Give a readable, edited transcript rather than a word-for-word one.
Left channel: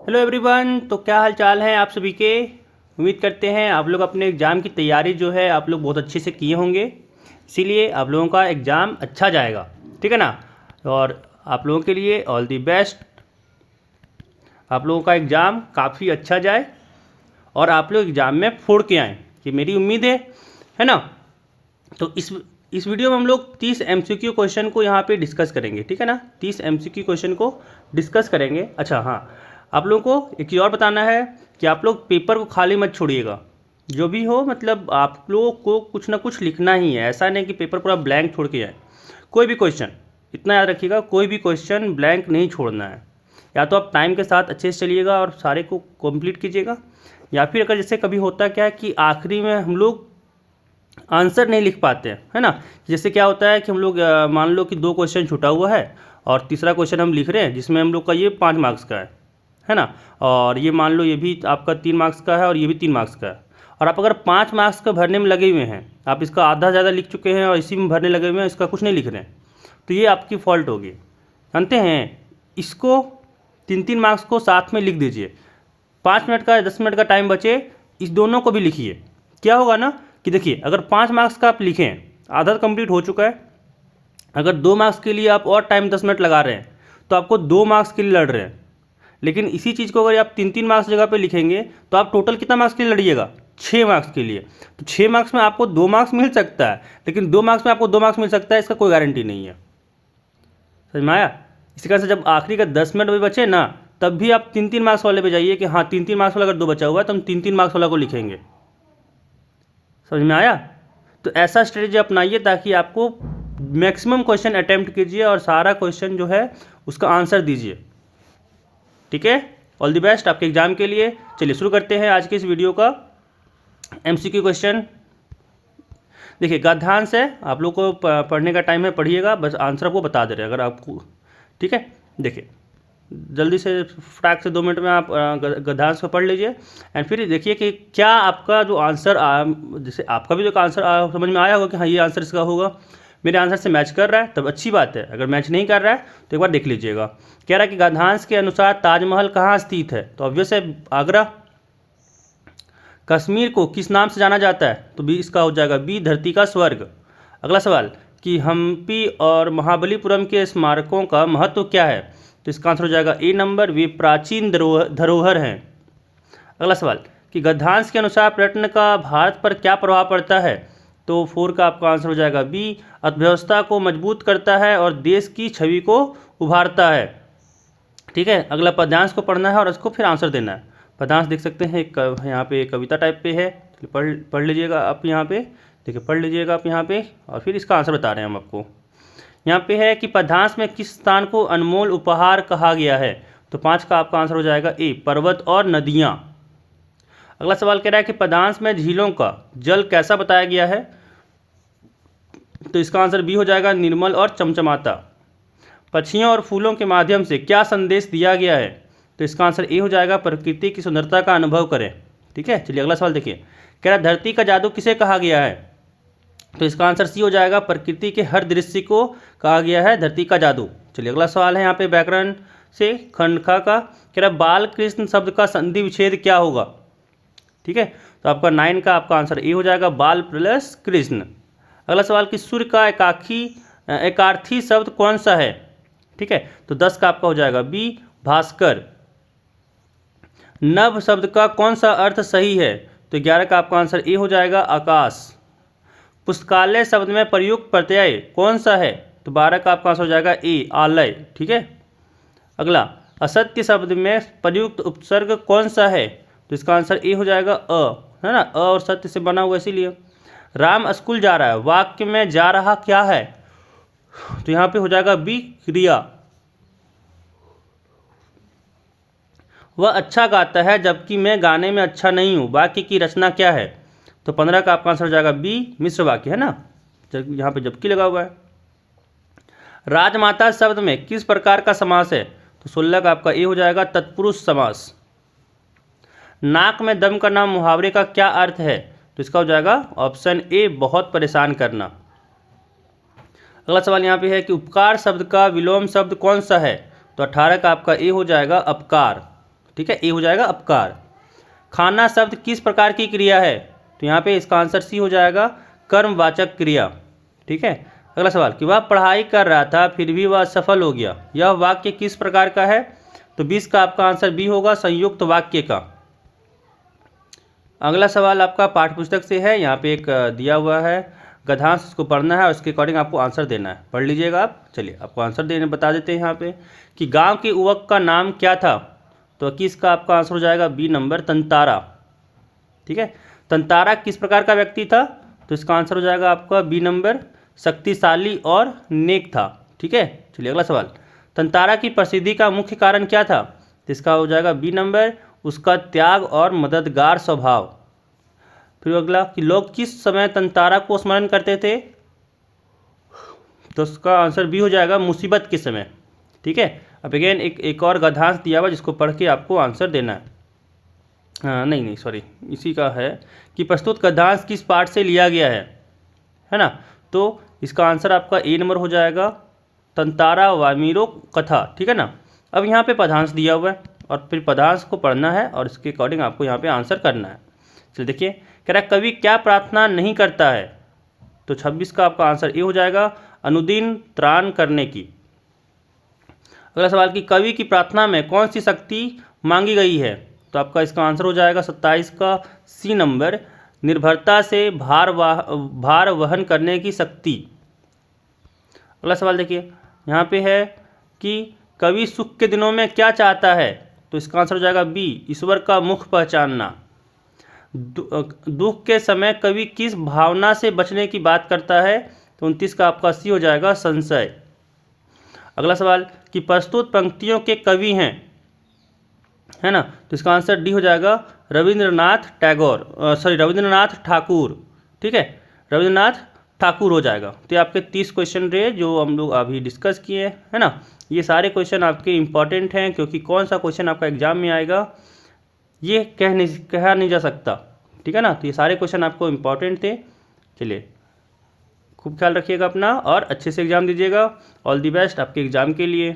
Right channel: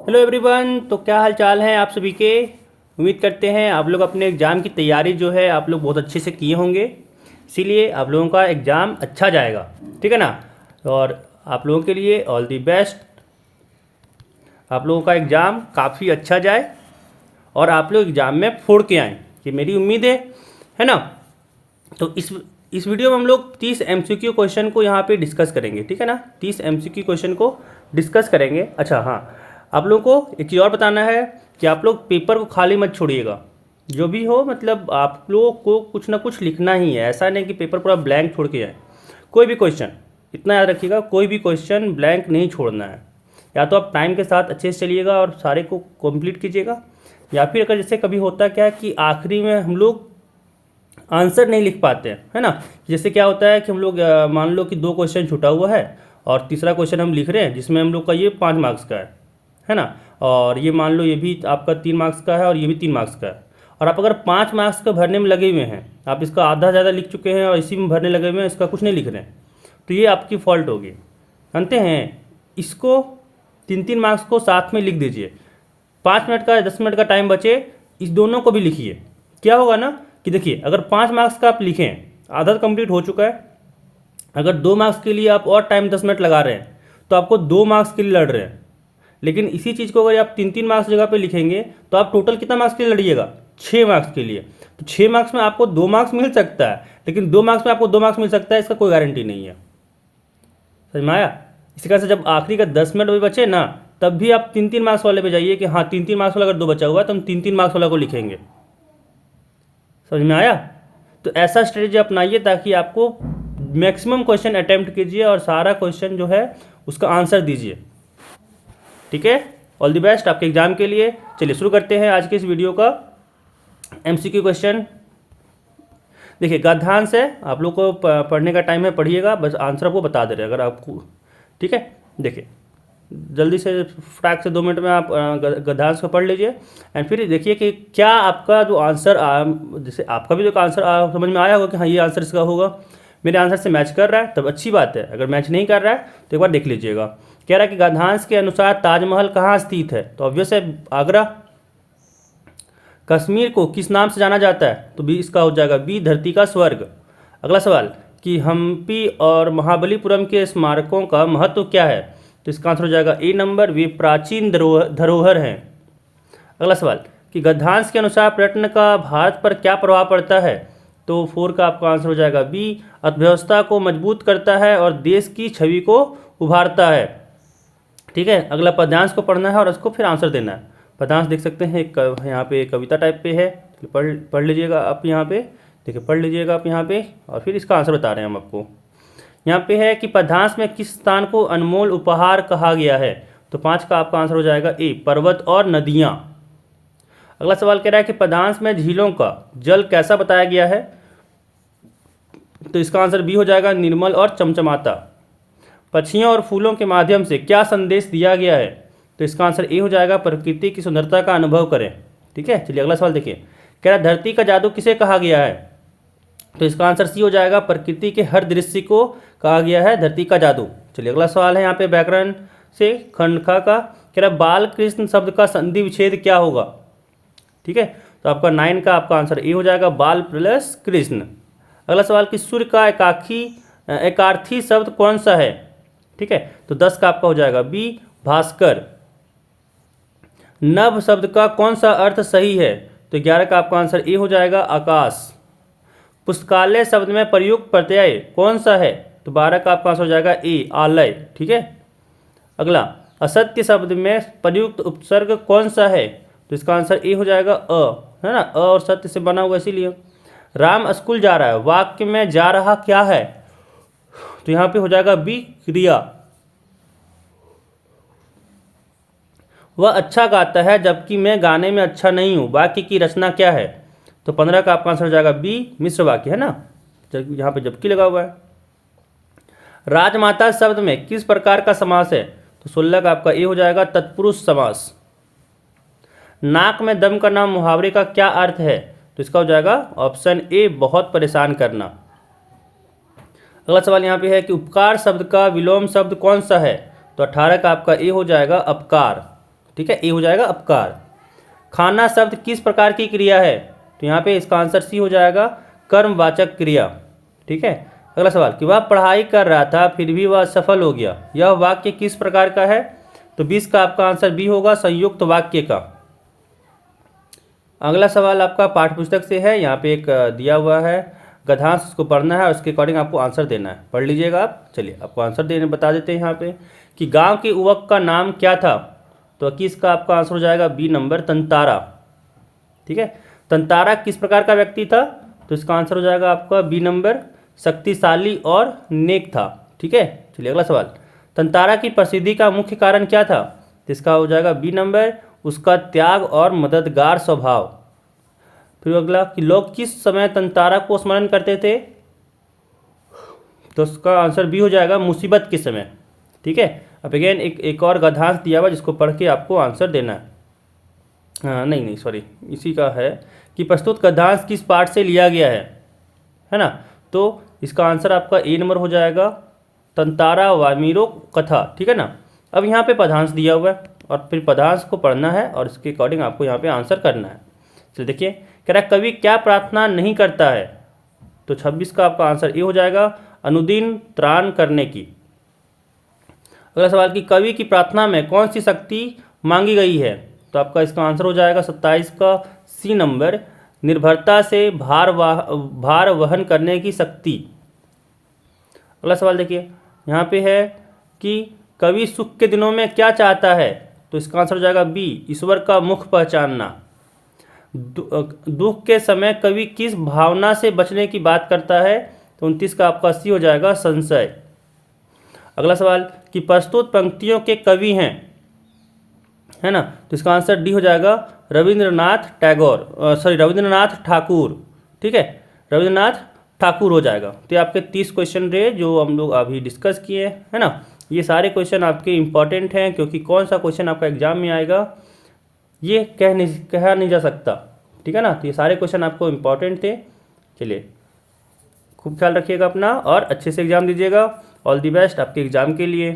Hello everyone. तो क्या हाल चाल है आप सभी के। उम्मीद करते हैं आप लोग अपने एग्ज़ाम की तैयारी जो है आप लोग बहुत अच्छे से किए होंगे। इसीलिए आप लोगों का एग्ज़ाम अच्छा जाएगा। ठीक है ना। और आप लोगों के लिए ऑल दी बेस्ट। आप लोगों का एग्ज़ाम काफ़ी अच्छा जाए और आप लोग एग्ज़ाम में फोड़ के आएँ, ये मेरी उम्मीद है ना। तो इस वीडियो में हम लोग 30 एमसीक्यू क्वेश्चन को यहाँ पे डिस्कस करेंगे। ठीक है ना, 30 एमसीक्यू क्वेश्चन को डिस्कस करेंगे। अच्छा हाँ, आप लोगों को एक चीज़ और बताना है कि आप लोग पेपर को खाली मत छोड़िएगा। जो भी हो मतलब आप लोगों को कुछ ना कुछ लिखना ही है। ऐसा नहीं कि पेपर पूरा ब्लैंक छोड़ के आए। कोई भी क्वेश्चन, इतना याद रखिएगा, कोई भी क्वेश्चन ब्लैंक नहीं छोड़ना है। या तो आप टाइम के साथ अच्छे से चलिएगा और सारे को कंप्लीट कीजिएगा, या फिर अगर जैसे कभी होता क्या है कि आखिरी में हम लोग आंसर नहीं लिख पाते हैं, है ना। जैसे क्या होता है कि हम लोग मान लो कि दो क्वेश्चन छूटा हुआ है और तीसरा क्वेश्चन हम लिख रहे हैं जिसमें हम लोग का ये 5 मार्क्स का है ना। और ये मान लो ये भी आपका 3 मार्क्स का है और ये भी 3 मार्क्स का है। और आप अगर 5 मार्क्स का भरने में लगे हुए हैं, आप इसका आधा ज़्यादा लिख चुके हैं और इसी में भरने लगे हुए हैं, इसका कुछ नहीं लिख रहे हैं, तो ये आपकी फॉल्ट होगी। जानते हैं, इसको 3-3 मार्क्स को साथ में लिख दीजिए। 5 मिनट का 10 मिनट का टाइम बचे, इस दोनों को भी लिखिए। क्या होगा ना कि देखिए, अगर 5 मार्क्स का आप लिखें, आधा कंप्लीट हो चुका है। अगर 2 मार्क्स के लिए आप और टाइम 10 मिनट लगा रहे हैं तो आपको 2 मार्क्स के लिए लड़ रहे हैं। लेकिन इसी चीज़ को अगर आप 3-3 मार्क्स जगह पे लिखेंगे तो आप टोटल कितना मार्क्स के लिए लड़िएगा, 6 मार्क्स के लिए। तो 6 मार्क्स में आपको 2 मार्क्स मिल सकता है, लेकिन 2 मार्क्स में आपको 2 मार्क्स मिल सकता है, इसका कोई गारंटी नहीं है। समझ में आया। इसी कारण से जब आखिरी का 10 मिनट भी बचे ना, तब भी आप 3-3 मार्क्स वाले पे जाइए कि हाँ 3-3 मार्क्स वाला अगर दो बचा हुआ है तो हम 3-3 मार्क्स वाला को लिखेंगे। समझ में आया। तो ऐसा स्ट्रेटेजी अपनाइए ताकि आपको मैक्सिमम क्वेश्चन अटेम्प्ट कीजिए और सारा क्वेश्चन जो है उसका आंसर दीजिए। ठीक है, ऑल द बेस्ट आपके एग्जाम के लिए। चलिए शुरू करते हैं आज के इस वीडियो का एमसीक्यू क्वेश्चन। देखिए गद्यांश है, आप लोग को पढ़ने का टाइम है, पढ़िएगा, बस आंसर आपको बता दे रहे हैं अगर आपको। ठीक है, देखिए जल्दी से फटाक से 2 मिनट में आप गद्यांश को पढ़ लीजिए। एंड फिर देखिए कि क्या आपका जो आंसर जैसे आपका भी जो आंसर समझ में आया होगा कि हाँ ये आंसर इसका होगा, मेरे आंसर से मैच कर रहा है, तब अच्छी बात है। अगर मैच नहीं कर रहा है तो एक बार देख लीजिएगा। कह रहा है कि गद्यांश के अनुसार ताजमहल कहाँ स्थित है, तो ऑब्वियस है आगरा। कश्मीर को किस नाम से जाना जाता है, तो बी इसका हो जाएगा बी धरती का स्वर्ग। अगला सवाल कि हम्पी और महाबलीपुरम के स्मारकों का महत्व क्या है, तो इसका आंसर हो जाएगा ए नंबर, वे प्राचीन धरोहर हैं। अगला सवाल कि गद्यांश के अनुसार पर्यटन का भारत पर क्या प्रभाव पड़ता है, तो 4 का आपका आंसर हो जाएगा बी, अर्थव्यवस्था को मजबूत करता है और देश की छवि को उभारता है। ठीक है, अगला पद्यांश को पढ़ना है और उसको फिर आंसर देना है। पद्यांश देख सकते हैं यहाँ पे कविता टाइप पे है, पढ़ लीजिएगा आप यहाँ पे। देखिए पढ़ लीजिएगा आप यहाँ पे और फिर इसका आंसर बता रहे हैं हम आपको। यहाँ पे है कि पद्यांश में किस स्थान को अनमोल उपहार कहा गया है, तो 5 का आपका आंसर हो जाएगा ए, पर्वत और नदियाँ। अगला सवाल कह रहा है कि पद्यांश में झीलों का जल कैसा बताया गया है, तो इसका आंसर बी हो जाएगा, निर्मल और चमचमाता। पक्षियों और फूलों के माध्यम से क्या संदेश दिया गया है, तो इसका आंसर ए हो जाएगा, प्रकृति की सुंदरता का अनुभव करें। ठीक है, चलिए अगला सवाल देखिए। कह रहा धरती का जादू किसे कहा गया है, तो इसका आंसर सी हो जाएगा, प्रकृति के हर दृश्य को कहा गया है धरती का जादू। चलिए अगला सवाल है यहाँ पे व्याकरण से खंड खा का। कह रहा बाल कृष्ण शब्द का संधि विच्छेद क्या होगा। ठीक है, तो आपका 9 का आपका आंसर ए हो जाएगा, बाल प्लस कृष्ण। अगला सवाल कि सूर्य का एकार्थी शब्द कौन सा है। ठीक है, तो 10 का आपका हो जाएगा बी, भास्कर। नभ शब्द का कौन सा अर्थ सही है, तो 11 का आपका आंसर ए हो जाएगा, आकाश। पुस्तकालय शब्द में प्रयुक्त प्रत्यय कौन सा है, तो 12 का आपका आंसर हो जाएगा ए, आलय। ठीक है, अगला असत्य शब्द में प्रयुक्त उपसर्ग कौन सा है, तो इसका आंसर ए हो जाएगा अ, है ना, अ और सत्य से बना हुआ इसीलिए। राम स्कूल जा रहा है, वाक्य में जा रहा क्या है, तो यहाँ पे हो जाएगा बी, क्रिया। वह अच्छा गाता है जबकि मैं गाने में अच्छा नहीं हूँ, वाक्य की रचना क्या है, तो 15 का आपका आंसर हो जाएगा बी, मिश्र वाक्य, है ना, यहाँ पे जबकि लगा हुआ है। राजमाता शब्द में किस प्रकार का समास है, तो 16 का आपका ए हो जाएगा, तत्पुरुष समास। नाक में दम करना मुहावरे का क्या अर्थ है, तो इसका हो जाएगा ऑप्शन ए, बहुत परेशान करना। अगला सवाल यहाँ पे है कि उपकार शब्द का विलोम शब्द कौन सा है, तो 18 का आपका ए हो जाएगा, अपकार। ठीक है, ए हो जाएगा अपकार। खाना शब्द किस प्रकार की क्रिया है? तो यहाँ पे इसका आंसर सी हो जाएगा, कर्मवाचक क्रिया। ठीक है। अगला सवाल कि वह पढ़ाई कर रहा था फिर भी वह असफल हो गया, यह वाक्य किस प्रकार का है? तो 20 का आपका आंसर बी होगा, संयुक्त वाक्य का। अगला सवाल आपका पाठ्य पुस्तक से है, यहाँ पे एक दिया हुआ है गद्यांश, उसको पढ़ना है और उसके अकॉर्डिंग आपको आंसर देना है। पढ़ लीजिएगा आप। चलिए आपको आंसर देने बता देते हैं यहाँ पे कि गांव के युवक का नाम क्या था? तो 21 का आपका आंसर हो जाएगा बी नंबर, तंतारा। ठीक है। तंतारा किस प्रकार का व्यक्ति था? तो इसका आंसर हो जाएगा आपका बी नंबर, शक्तिशाली और नेक था। ठीक है। चलिए अगला सवाल, तंतारा की प्रसिद्धि का मुख्य कारण क्या था? तो इसका हो जाएगा बी नंबर, उसका त्याग और मददगार स्वभाव। फिर अगला कि लोग किस समय तंतारा को स्मरण करते थे? तो उसका आंसर बी हो जाएगा, मुसीबत के समय। ठीक है। अब अगेन एक और गद्यांश दिया हुआ जिसको पढ़ के आपको आंसर देना है। हाँ नहीं सॉरी, इसी का है कि प्रस्तुत गद्यांश किस पाठ से लिया गया है ना? तो इसका आंसर आपका ए नंबर हो जाएगा, तंतारा वामीरो कथा। ठीक है ना। अब यहाँ पे पदांश दिया हुआ है और फिर पदांश को पढ़ना है और इसके अकॉर्डिंग आपको यहाँ पे आंसर करना है। चलिए देखिए, कह रहा है कवि क्या प्रार्थना नहीं करता है? तो 26 का आपका आंसर ए हो जाएगा, अनुदिन त्राण करने की। अगला सवाल कि कवि की प्रार्थना में कौन सी शक्ति मांगी गई है? तो आपका इसका आंसर हो जाएगा 27 का सी नंबर, निर्भरता से भार वहन करने की शक्ति। अगला सवाल देखिए, यहाँ पे है कि कवि सुख के दिनों में क्या चाहता है? तो इसका आंसर हो जाएगा बी, ईश्वर का मुख पहचानना। दुख के समय कवि किस भावना से बचने की बात करता है? तो 29 का आपका सी हो जाएगा, संशय। अगला सवाल कि प्रस्तुत पंक्तियों के कवि हैं, है ना? तो इसका आंसर डी हो जाएगा, रविंद्रनाथ ठाकुर। ठीक है, रविंद्रनाथ ठाकुर हो जाएगा। तो ये आपके 30 क्वेश्चन रहे जो हम लोग अभी डिस्कस किए, है ना? ये सारे क्वेश्चन आपके इंपॉर्टेंट हैं क्योंकि कौन सा क्वेश्चन आपका एग्जाम में आएगा ये कहा नहीं जा सकता। ठीक है ना। तो ये सारे क्वेश्चन आपको इंपॉर्टेंट थे। चलिए खूब ख्याल रखिएगा अपना और अच्छे से एग्जाम दीजिएगा। ऑल दी बेस्ट आपके एग्जाम के लिए।